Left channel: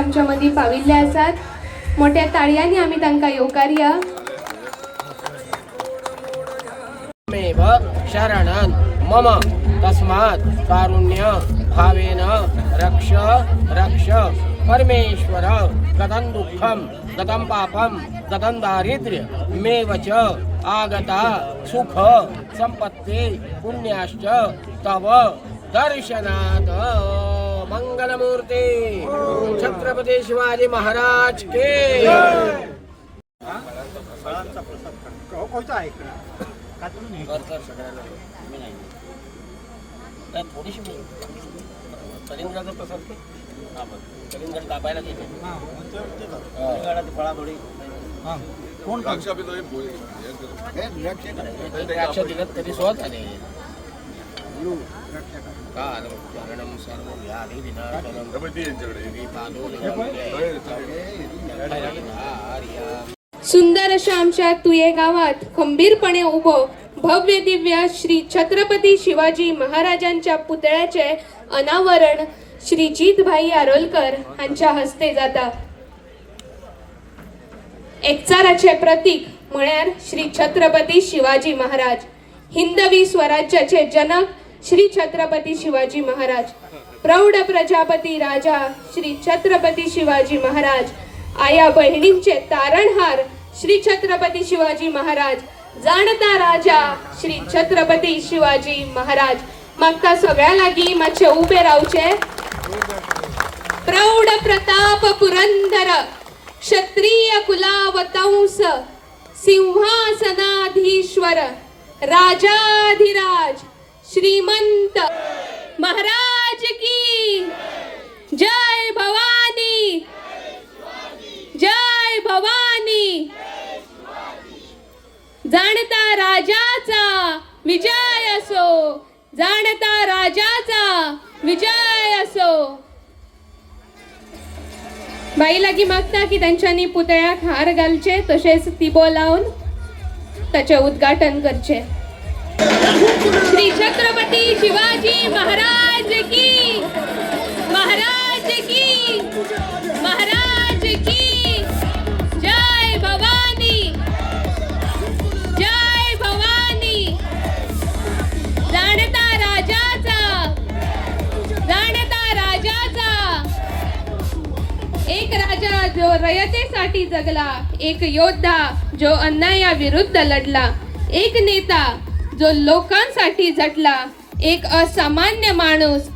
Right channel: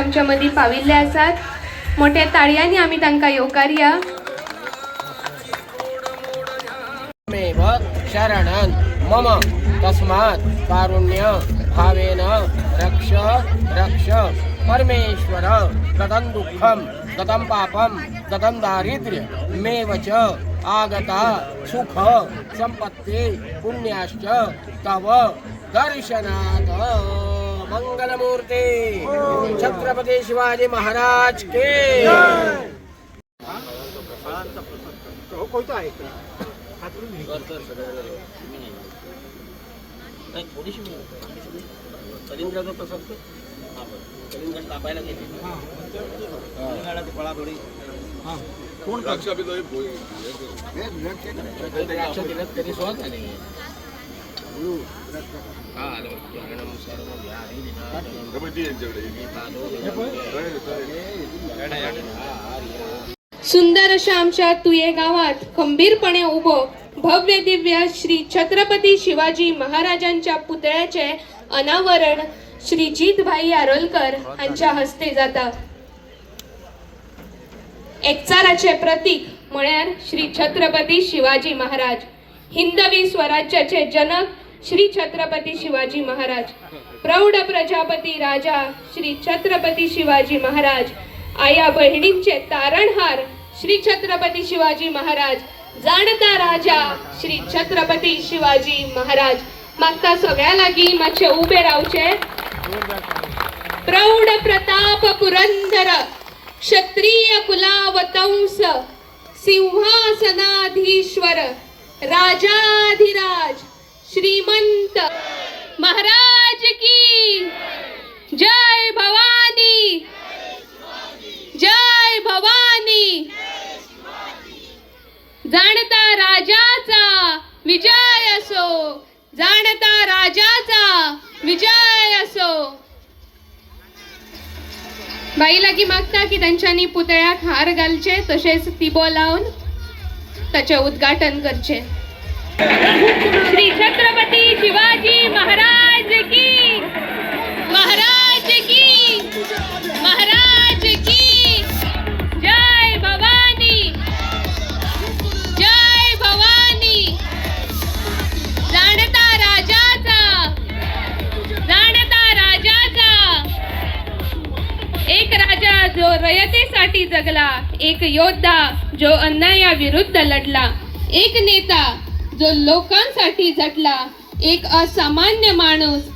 आमच्या मध्ये पाविल्ले आसात। मोठ्या ताळयांनी आम्ही तांका येवकारया। मेव शरणं मम तस्मात् कारुण्य भावेन रक्ष रक्ष परमेश्वर। गतं दुःखं गतं पापं गतं दारिद्र्य मेव च आगता सुख संपत्ति पुण्याश्च तव दर्शनात्। मंगलमूर्ति छत्रपति शिवाजी महाराज के। थोडीशी कलिंगडाचं पसंत कलिंगड तापायला घेते फळाफळी कोण द्राक्ष दिलं तरी सोबत आले सुंदर अशा आमच्या तुये गावात खंबीरपणे उभो भव्य दिव्य श्री छत्रपती शिवाजी महाराजांच्या पुतळ्याचे अनावरण श्री जितभाई आरोलकर यांच्या हस्ते जाता। एकचाराचे प्रतीक म्हळ्यार श्री छत्रपती शिवाजी महाराज, हिंदवी स्वराज्याचे जनक श्री छत्रपती शिवाजी महाराज, प्रौढ प्रजापती राजा श्री छत्रपती शिवाजी महाराज, आया बहिणींचे तारणहार श्री छत्रपती शिवाजी महाराज, जाणता राजा श्री छत्रपती शिवाजी महाराज। मागता सगळ्या लागी मातशे उभे रावचे। प्रौढ प्रताप पुरंदर क्षत्रिय कुलावतंस सिंहासनाधीश्वर राजाधिराज श्रीमंत महाराज की जय भवानी जय भवानी। जाणता राजाचा विजय असो, जाणता राजाचा विजय असो। बाई लागी मागता की त्यांच्यानी पुतळ्याक हार घालचे तसेच तिबो लावून त्याचे उद्घाटन करचे। श्री छत्रपती शिवाजी महाराज की महाराज की महाराज की जय भवानी जय भवानी। जाणता राजाचा एक राजा जो रयतेसाठी जगला, एक योद्धा जो अन्यायाविरुद्ध लढला, एक नेता जो लोकांसाठी झटला, एक असामान्य माणूस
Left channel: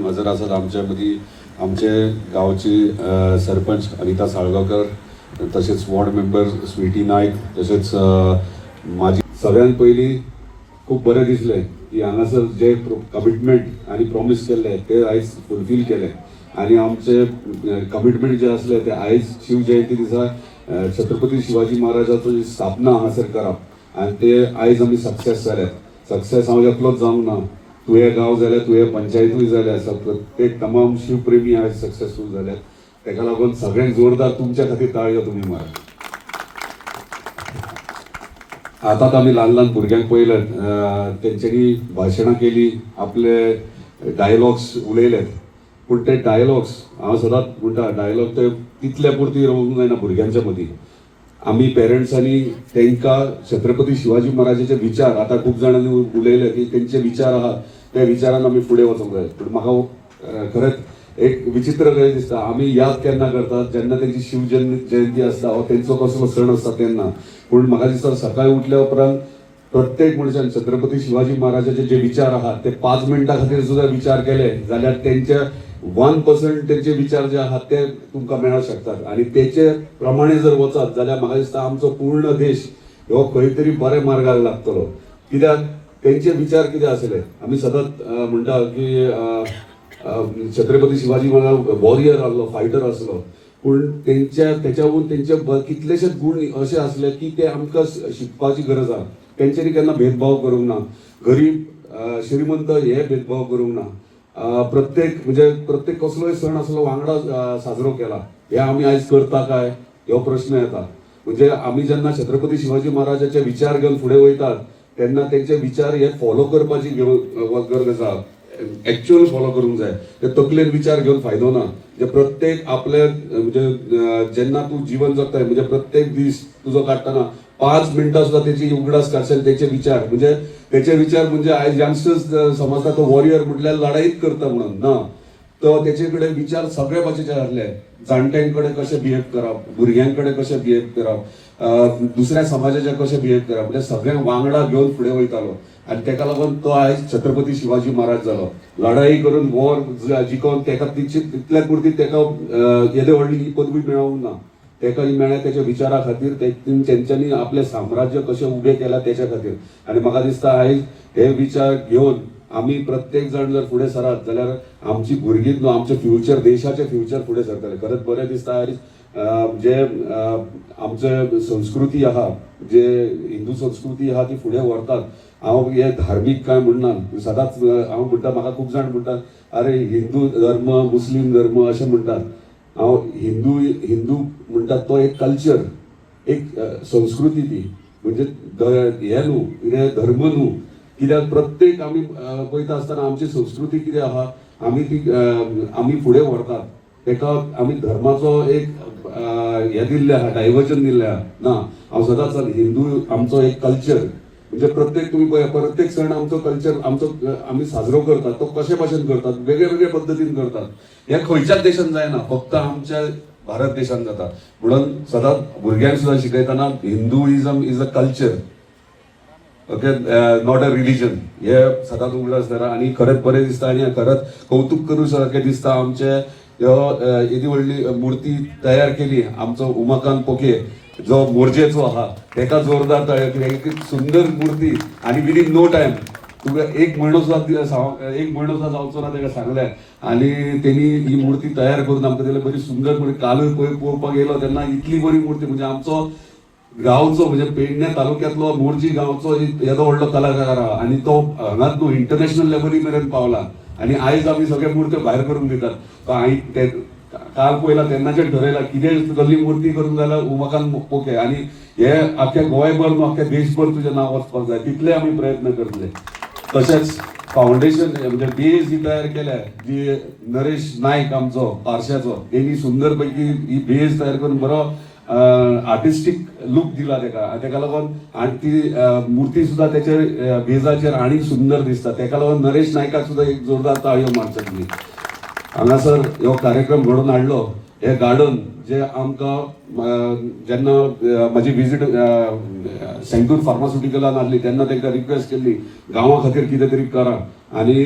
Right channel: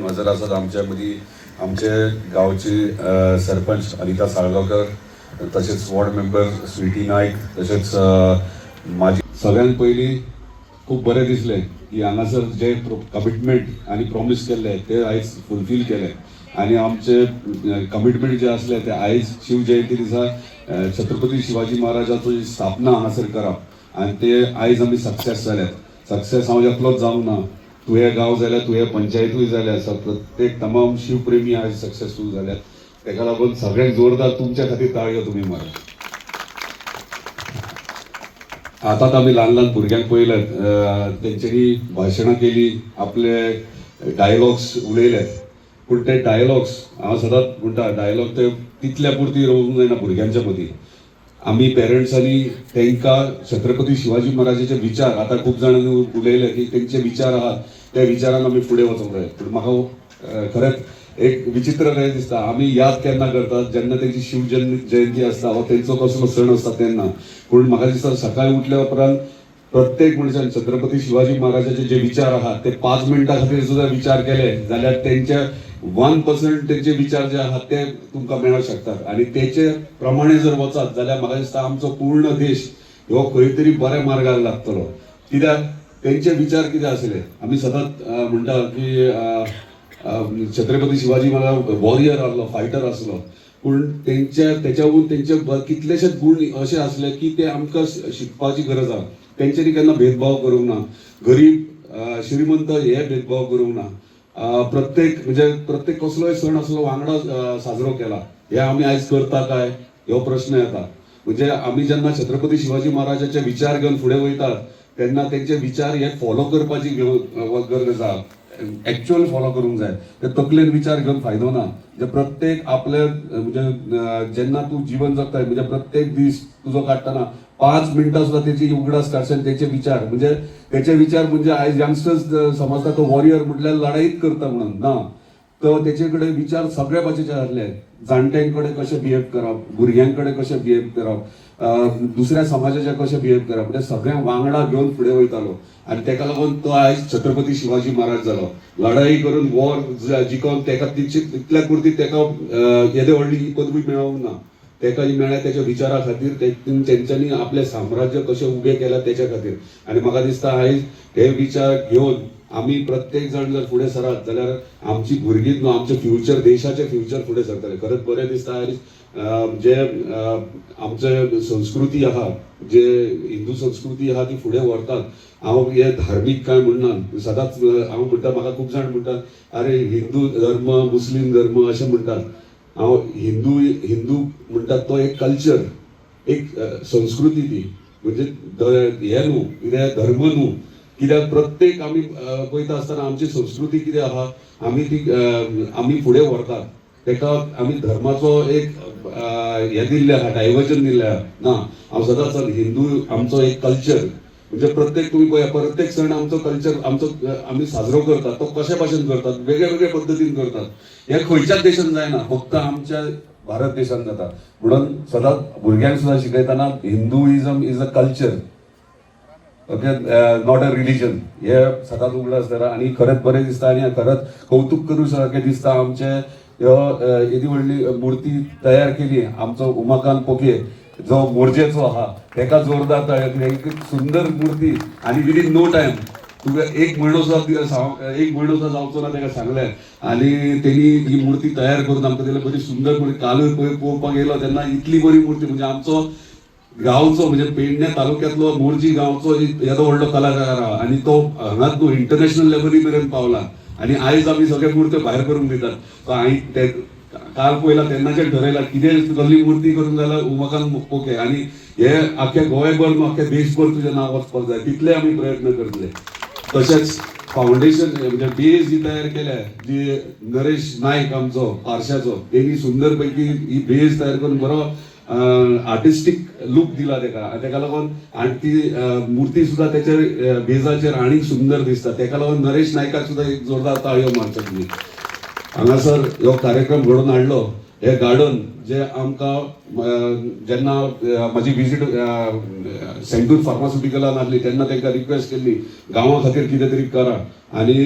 नजर आसात आमच्या मदीं आमचे गांवचे सरपंच अनिता साळगांवकर, तशेंच वॉर्ड मेंबर स्विटी नायक, तशेंच माझी सगळ्यांत पयलीं खूब बरें दिसलें की हांगासर जे कमिटमेंट आनी प्रॉमीस केल्ले ते आयज फुलफील केले आनी आमचे कमिटमेंट जे आसले ते आयज शिव जयंती दिसा छत्रपती शिवाजी महाराजाची स्थापना हांगासर करप आनी ते आयज आमी सक्सेस जाल्यात. सक्सेस हांव एकलोच जावंक ना, तुवें गांव जाल्यार तुवें पंचायतूय जाल्यार प्रत्येक तमाम शिवप्रेमी आयज सक्सेसफूल जाल्यात. ताका लागून सगळ्यांक जोरदार तुमच्या खातीर ताळयो तुमी मारा. आतां आमी ल्हान ल्हान भुरग्यांक पळयल्यात, तेंच्यांनी भाशणां केली, आपले डायलॉग्स उलयल्यात, पूण ते डायलॉग्स हांव सदांच म्हणटा डायलॉग ते तितल्या पुरती रावूंक जायना भुरग्यांच्या मदीं. आमी पेरंट्सांनी तांकां छत्रपती शिवाजी महाराजाचे विचार, आतां खूब जाणांनी उलयले की तेंचे विचार आहात त्या विचारान आमी फुडें वचूंक जाय. पूण म्हाका खरेंच एक विचित्र कशें दिसता, आमी याद केन्ना करतात जेन्ना तेंची शिव जयंती आसता वा तेंचो कसलो सण आसता तेन्ना. पूण म्हाका दिसता सकाळी उठल्या उपरांत प्रत्येक मनशान छत्रपती शिवाजी महाराजाचे जे विचार आहात ते 5 मिनटां खातीर सुद्दां विचार केले जाल्यार तेंचे 1% तेंचे विचार जे आहात ते तुमकां मेळूंक शकतात. आनी तेचे प्रमाणे जर वचत जाल्यार म्हाका दिसता आमचो पूर्ण देश हो खंय तरी बऱ्या मार्गाक लागतलो. कित्याक तेंचे विचार कितें आसले, आमी सदांच म्हणटा की छत्रपती शिवाजी महाराज वॉरियर आसलो, फायटर आसलो, पूण तेच्यावरून तेंचे कितलेशेच गुण अशे आसले की ते आमकां शिकपाची गरज आहा. तेंच्यांनी केन्ना भेदभाव करूंक ना, गरीब श्रीमंत हे भेदभाव करूंक ना. प्रत्येक कसलोय सण असलो वांगडा साजरो केला. हे आमी आयज करता काय हो प्रश्न येता. म्हणजे आमी जेन्ना छत्रपती शिवाजी महाराजाचे विचार घेवन फुडें वयतात तेन्ना तेंचे विचार हे फॉलो करपाची गरज आहा. एक्च्युअल फॉलो करूंक जाय. ते तकलेन विचार घेवन फायदो ना. म्हणजे प्रत्येक आपले म्हणजे जेन्ना तूं जीवन जगताय म्हणजे प्रत्येक दीस तुजो काडटना 5 मिनटां सुद्दां तेची उगडास काडशात तेचे विचार. म्हणजे तेचे विचार म्हणजे आयज यंगस्टर्स समजता तो वॉरियर म्हटल्यार लढाईच करता म्हणून ना, तो तेचे कडेन विचार सगळे भाशेचे आसले. जाणट्यांकडे कशें बिहेव करप, भुरग्यांकडे कशें बिहेव करप, दुसऱ्या समाजाचे कशें बिहेव करप, म्हणजे सगळ्यांक वांगडा घेवन फुडें वयतालो. आनी तेका लागून तो आयज छत्रपती शिवाजी महाराज जालो. लढाई करून वॉर जिखोवन तेका तितल्या पुरती तेका येदे व्हडली ही पदवी मेळोंक ना. तेका ही मेळ्ळ्या तेच्या विचारा खातीर, तेंच्यांनी आपले साम्राज्य कशें उबें केलां तेच्या खातीर. आनी म्हाका दिसता आयज हे विचार घेवन आमी प्रत्येक जाण जर फुडें सरत जाल्यार आमची भुरगीं न्हू आमचे फ्युचर, देशाचे फ्युचर फुडें सरतले. खरेंच बरें दिसता आयज जे आमचे संस्कृती आहा, जे हिंदू संस्कृती आहा ती फुडें व्हरतात. हांव हे धार्मीक कांय म्हणना, सदांच हांव म्हणटा, म्हाका खूब जाण म्हणटात अरे हिंदू धर्म मुस्लीम धर्म अशें म्हणटात. हांव हिंदू म्हणटात तो एक कल्चर, एक संस्कृती ती. म्हणजे हे न्हू कितें धर्म न्हू. कित्याक प्रत्येक आमी पळयता आसतना आमची संस्कृती कितें आहा आमी फुडें व्हरतात. तेका आमी धर्माचो एक हे दिल्ले आहा, डायवर्जन दिल्ले आहा ना. हांव सदांच हिंदू आमचो एक कल्चर. म्हणजे प्रत्येक तुम्ही पळया प्रत्येक सण आमचो कल्चर आमी साजरो करतात तो कशे भाशेन करतात, वेगळे वेगळे पद्दतीन करतात. हे खंयच्याच देशान जायना, फक्त आमच्या भारत देशान जाता. म्हणून सदांच भुरग्यांक सुद्दां शिकयतना Hinduism is a culture, okay, not a religion. हे सदांच उगडास धरा. आनी खरेंच बरें दिसता आनी खरेंच कौतुक करूं सारकें दिसता. आमचे येदी व्हडली मुर्ती तयार केली आमचो उमाकांत पोके जो मोरजेचो आहा, तेका जोरदार तयार केली. एक सुंदर मूर्ती आनी विदीन नो टायम तुका एक म्हयनो सुद्दां जावचो ना तेका सांगल्यार. आनी तेणी ही मूर्ती तयार करून आमकां दिली. बरी सुंदर मूर्ती. कालूय पळोवपाक गेलो तेन्ना इतली बरी मूर्ती. म्हणजे आमचो गांवचो म्हणजे पेडण्या तालुक्यांतलो मोरजी गांवचो येदो व्हडलो कलाकार आहा आनी तो हांगाच न्हू इंटरनॅशनल लेवली मेरेन पावला. आनी आयज आमी सगळे मूर्त्यो भायर करून दितात. काल पयला तेन्नाचेर ठरयला कितें कसली मूर्ती करूंक जाल्यार उमाकांत पोके. आनी हे आख्या गोंयभर न्हू आख्या देशभर तुजें नांव वचपाक जाय तितले आमी प्रयत्न करतले. तशेंच फावंडेशन म्हणजे बेज जी तयार केल्या जी नरेश नायक आमचो पार्श्याचो, तेणी सुंदर पैकी ही बेज तयार करून बरो आर्टिस्टीक लूक दिला तेका लागून. आनी ती मुर्ती सुद्दां तेच्या बेजाचेर आनीक सुंदर दिसता. तेका लागून नरेश नायकाक सुद्दां एक जोरदार ताळयो मारतात तुमी. हांगासर हो कार्यक्रम घडोवन हाडलो हे गार्डन जे आमकां जेन्ना म्हाजी विजीट सेंटूर फार्मास्युटिकलान आसली तेन्ना तांकां रिक्वेस्ट केल्ली गांवा खातीर कितें तरी करा आनी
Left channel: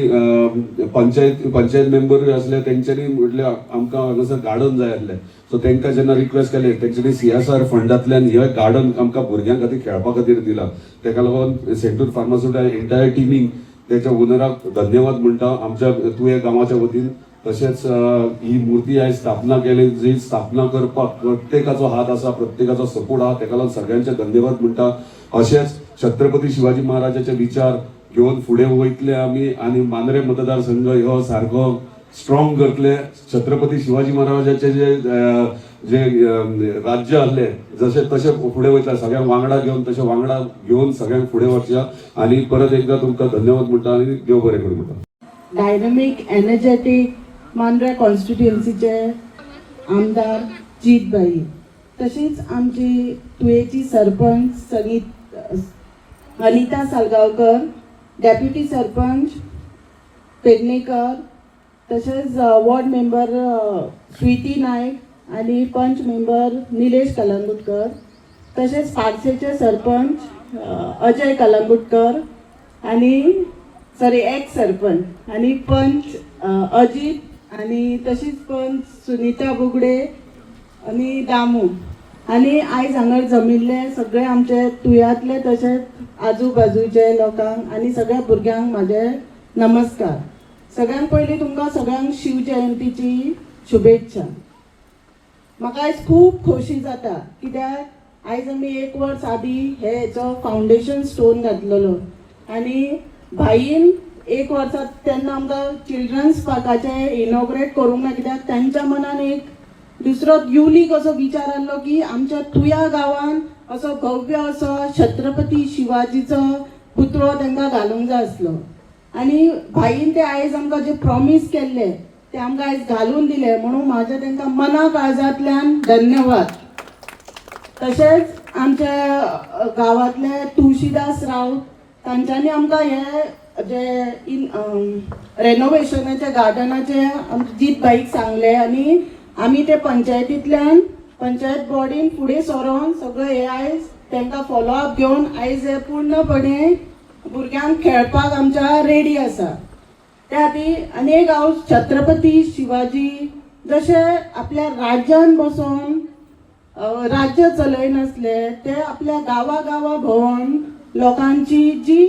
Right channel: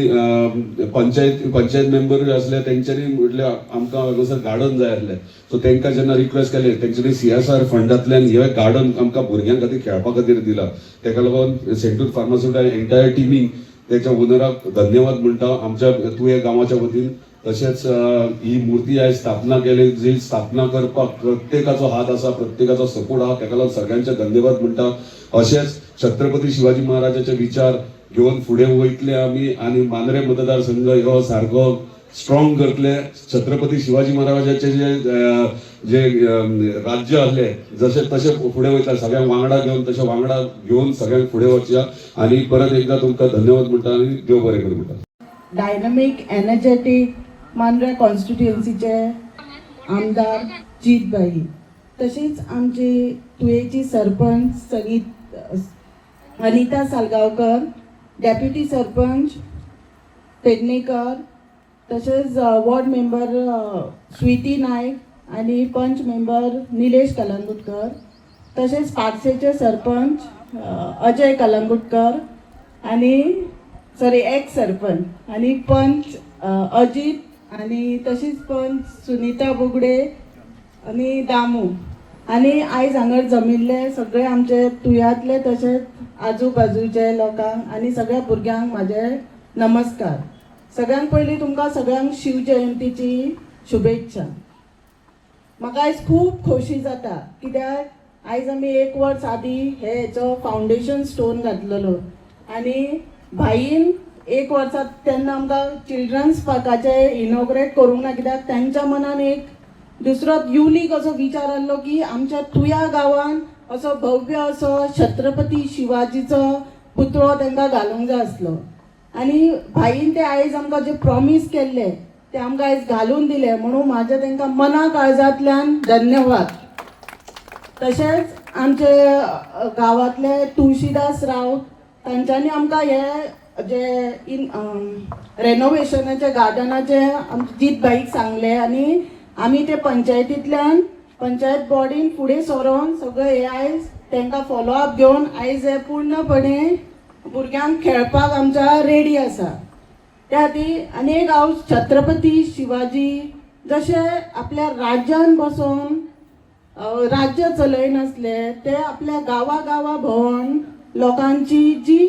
पंचायत मेंबर आसले तेंच्यांनी म्हटलें आमकां हांगासर गार्डन जाय आसलें सो तांकां जेन्ना रिक्वेस्ट केलें तेंच्यांनी CSR फंडांतल्यान हे गार्डन आमकां भुरग्यां खातीर खेळपा खातीर दिला ताका लागून सेंटूर फार्मास्युटिकल एंटायर टिमीक त्याच्या ओनराक धन्यवाद म्हणटा आमच्या तुये गांवाच्या वतीन तशेंच ही मूर्ती आयज स्थापना केली जी स्थापना करपाक प्रत्येकाचो हात आसा प्रत्येकाचो सपोर्ट आहा ताका लागून सगळ्यांचे धन्यवाद म्हणटा अशेंच छत्रपती शिवाजी महाराजाचे विचार घेवन फुडें वयतले आमी आनी मांद्रे मतदारसंघ ह्यो सारको स्ट्रॉंग करतले छत्रपती शिवाजी महाराजाचे जे राज्य आसले जसे तसे फुडें वयतले सगळ्यांक वांगडा घेवन तशें वांगडा घेवन सगळ्यांक फुडें वचया आनी परत एकदा तुमकां धन्यवाद म्हणटा आनी देव बरें करूं म्हणटा डायनॅमिक एनर्जेटिक मांद्रे कॉन्स्टिट्युएन्सीचे आमदार जीतबाई तशीच आमची तुयेची सरपंच अनिता सालगांवकर डेप्युटी सरपंच पेडणेकर तसेच वॉर्ड मेंबर स्वीटी नायक आणि पंच मेंबर निलेश कलंगुटकर तसेच पारसेचे सरपंच अजय कलंगुटकर आणि एक्स सरपंच आणि पंच अजित आणि तशीच पंच सुनीता बुगडे आणि दामू आणि आयज हांगर जमिल्ले सगळे आमचे तुयांतले तशेंच आजूबाजूचे लोकांक आणि सगळ्या भुरग्यांक म्हाजे नमस्कार. सगळ्यांत पयलीं तुमकां सगळ्यांक शिव जयंतीची शुभेच्छा. म्हाका आयज खूब खोशी जाता कित्याक आयज आमी 1 वर्स आदीं हेचो फावंडेशन स्टोन घातलेलो आनी भाईन 1 वर्सां तेन्ना आमकां चिल्ड्रन्स पार्काचे इनॉग्रेट करूंक ना कित्याक तांच्या मनान एक दुसरो युनीक असो विचार आसलो की आमच्या तुया गांवान असो भव्य असो छत्रपती शिवाजीचो पुतळो तांकां घालूंक जाय आसलो आनी भाईन ते आयज आमकां जे प्रॉमीस केल्ले ते आमकां आयज घालून दिले म्हणून म्हाजे तांकां मना काळजांतल्यान धन्यवाद. तशेंच आमचे गांवांतले तुळशीदास राव तांच्यांनी आमकां हे जे रेनोवेशनाचे गार्डनाचे जीतबाईक सांगले आनी आमी ते पंचायतींतल्यान पंचायत बॉडीन फुडें सरोन सगळे हे आयज तांकां फॉलोअप घेवन आयज हे पूर्णपणे भुरग्यांक खेळपाक आमच्या रेडी आसा. त्या खातीर आनी एक हांव छत्रपती शिवाजी जशे आपल्या राज्यान बसून राज्य चलयनासले ते आपल्या गांवा भोंवन लोकांची जी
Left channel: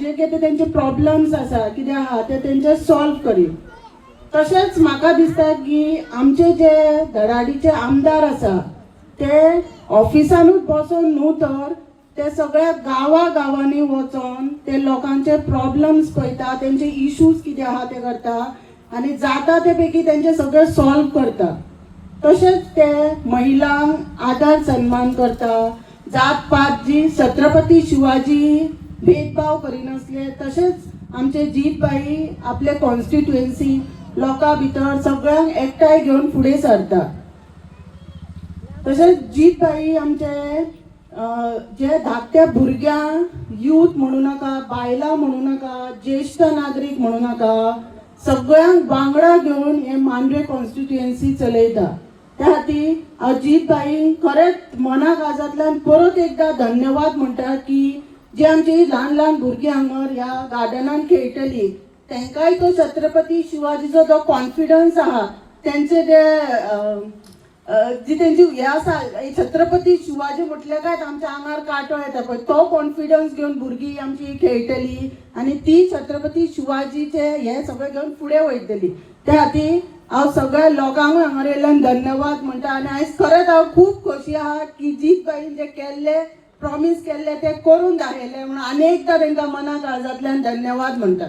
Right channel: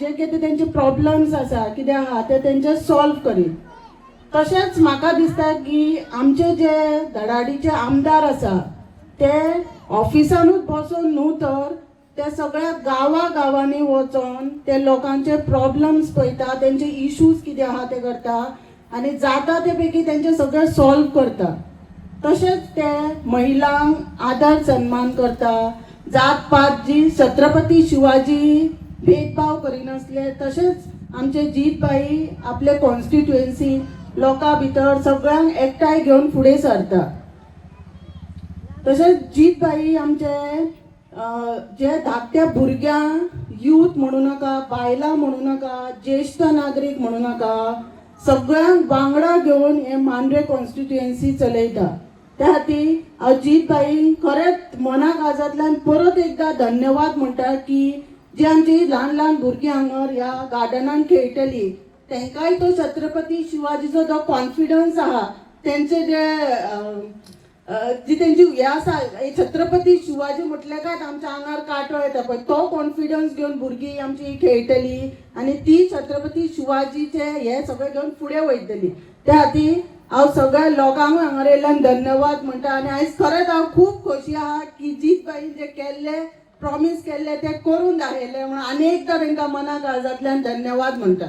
जे कितें तेंचे प्रॉब्लम्स आसा कितें आहा ते तेंचे सॉल्व करीत. तशेंच म्हाका दिसता की आमचे जे धडाडीचे आमदार आसा ते ऑफिसानूच बसून न्हू तर ते सगळ्या गांवांनी वचोन ते लोकांचे प्रॉब्लम्स पळयता तेंचे इश्यूज कितें आहा ते करता आनी जाता ते पैकी तेंचे सगळे सॉल्व करता. तशेंच ते महिलांक आदार सन्मान करता. जात पात जी छत्रपती शिवाजी भेदभाव करिनासले तशेंच आमचे जीतबाई आपले कॉन्स्टिट्युएन्सी लोकां भितर सगळ्यांक एकठांय घेवन फुडें सरता. तशेंच जीतबाई आमचे जे धाकट्या भुरग्यांक यूथ म्हणू नाका बायलां म्हणू नाका ज्येष्ठ नागरीक म्हणू नाका सगळ्यांक वांगडा घेवन हे मांद्रे कॉन्स्टिट्युएन्सी चलयता. त्या खातीर हांव जीतबाई खरेंच मना काळजांतल्यान परत एकदा धन्यवाद म्हणटा की जी आमची ल्हान भुरगीं हांगर ह्या गार्डनान खेळटलीं तांकांय तो छत्रपती शिवाजीचो जो कॉन्फिडन्स आहा तेंचे जी तेंची हे आसा छत्रपती शिवाजी म्हटल्या काय आमच्या आंगार कांटो येता पळय तो कॉन्फिडन्स घेवन भुरगीं आमची खेळटलीं आनी ती छत्रपती शिवाजीचे हे सगळें घेवन फुडें वयतलीं. त्या खातीर हांव सगळ्या लोकांकूय हांगर येयल्यान धन्यवाद म्हणटा आनी आयज खरेंच हांव खूब खोशी आहा की जीतबाईन जे केल्ले प्रॉमीस केल्ले ते करून दाखयले म्हणून आनी एकदां तांकां मना काळजांतल्यान धन्यवाद म्हणटा.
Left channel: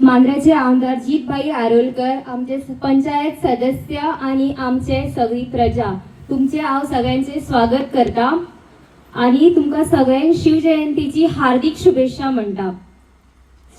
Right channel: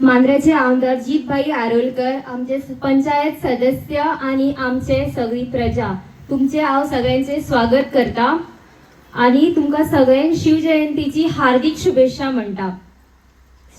मांद्रेचे आमदार जीतबाई आरोलकर आमचे पंचायत सदस्य आणि आमचे सगळी प्रजा तुमचे हांव सगळ्यांचे स्वागत करता आणि तुमकां सगळ्यांक शिवजयंतीची हार्दिक शुभेच्छा म्हणटा.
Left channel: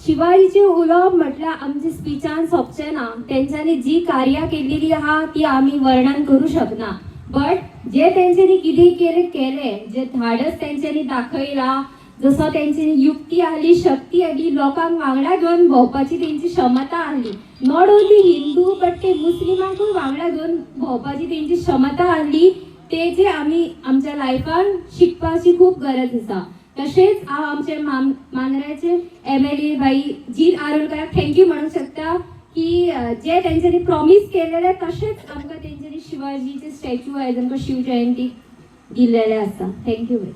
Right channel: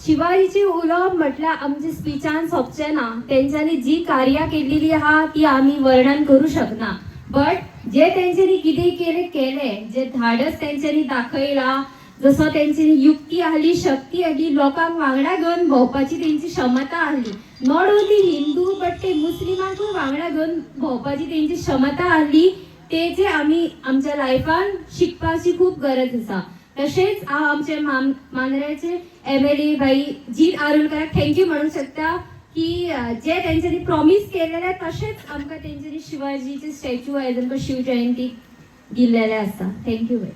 शिवाजीचे उलोवप म्हटल्यार आमचे स्पिचान सोंपचें ना. तेंच्यांनी जी कार्या केल्लेली आहा ती आमी वर्णन करूं शकना बट जे तेंच्यांनी कितें केले जे धाडस तेंच्यांनी दाखयला जसो तेंची युक्ती आली, शक्ती आली, लोकांक वांगडा घेवन भोंवपाची तेंची क्षमता आली. नॉट ओन्ली हिंदू बट ते मुस्लिमांकूय वांगडा घेवन भोंवपाची तेंची क्षमता आली. ते जे आमी आमच्या लायफान शिकपाची खूप गरज आसा. तशेंच हांव आमचे मांद्रेचे MLA भाई जीत आरोलकराक थँक्यू म्हणूंक शकता की जे तेंच्यांनी प्रॉमिस केलेले तशेंच आमकां तेंच्यांनी शिवाजीचे स्टॅच्यू आयज आमकां शिवजयंतीक दिल्लेले आसा. थँक्यू भाई.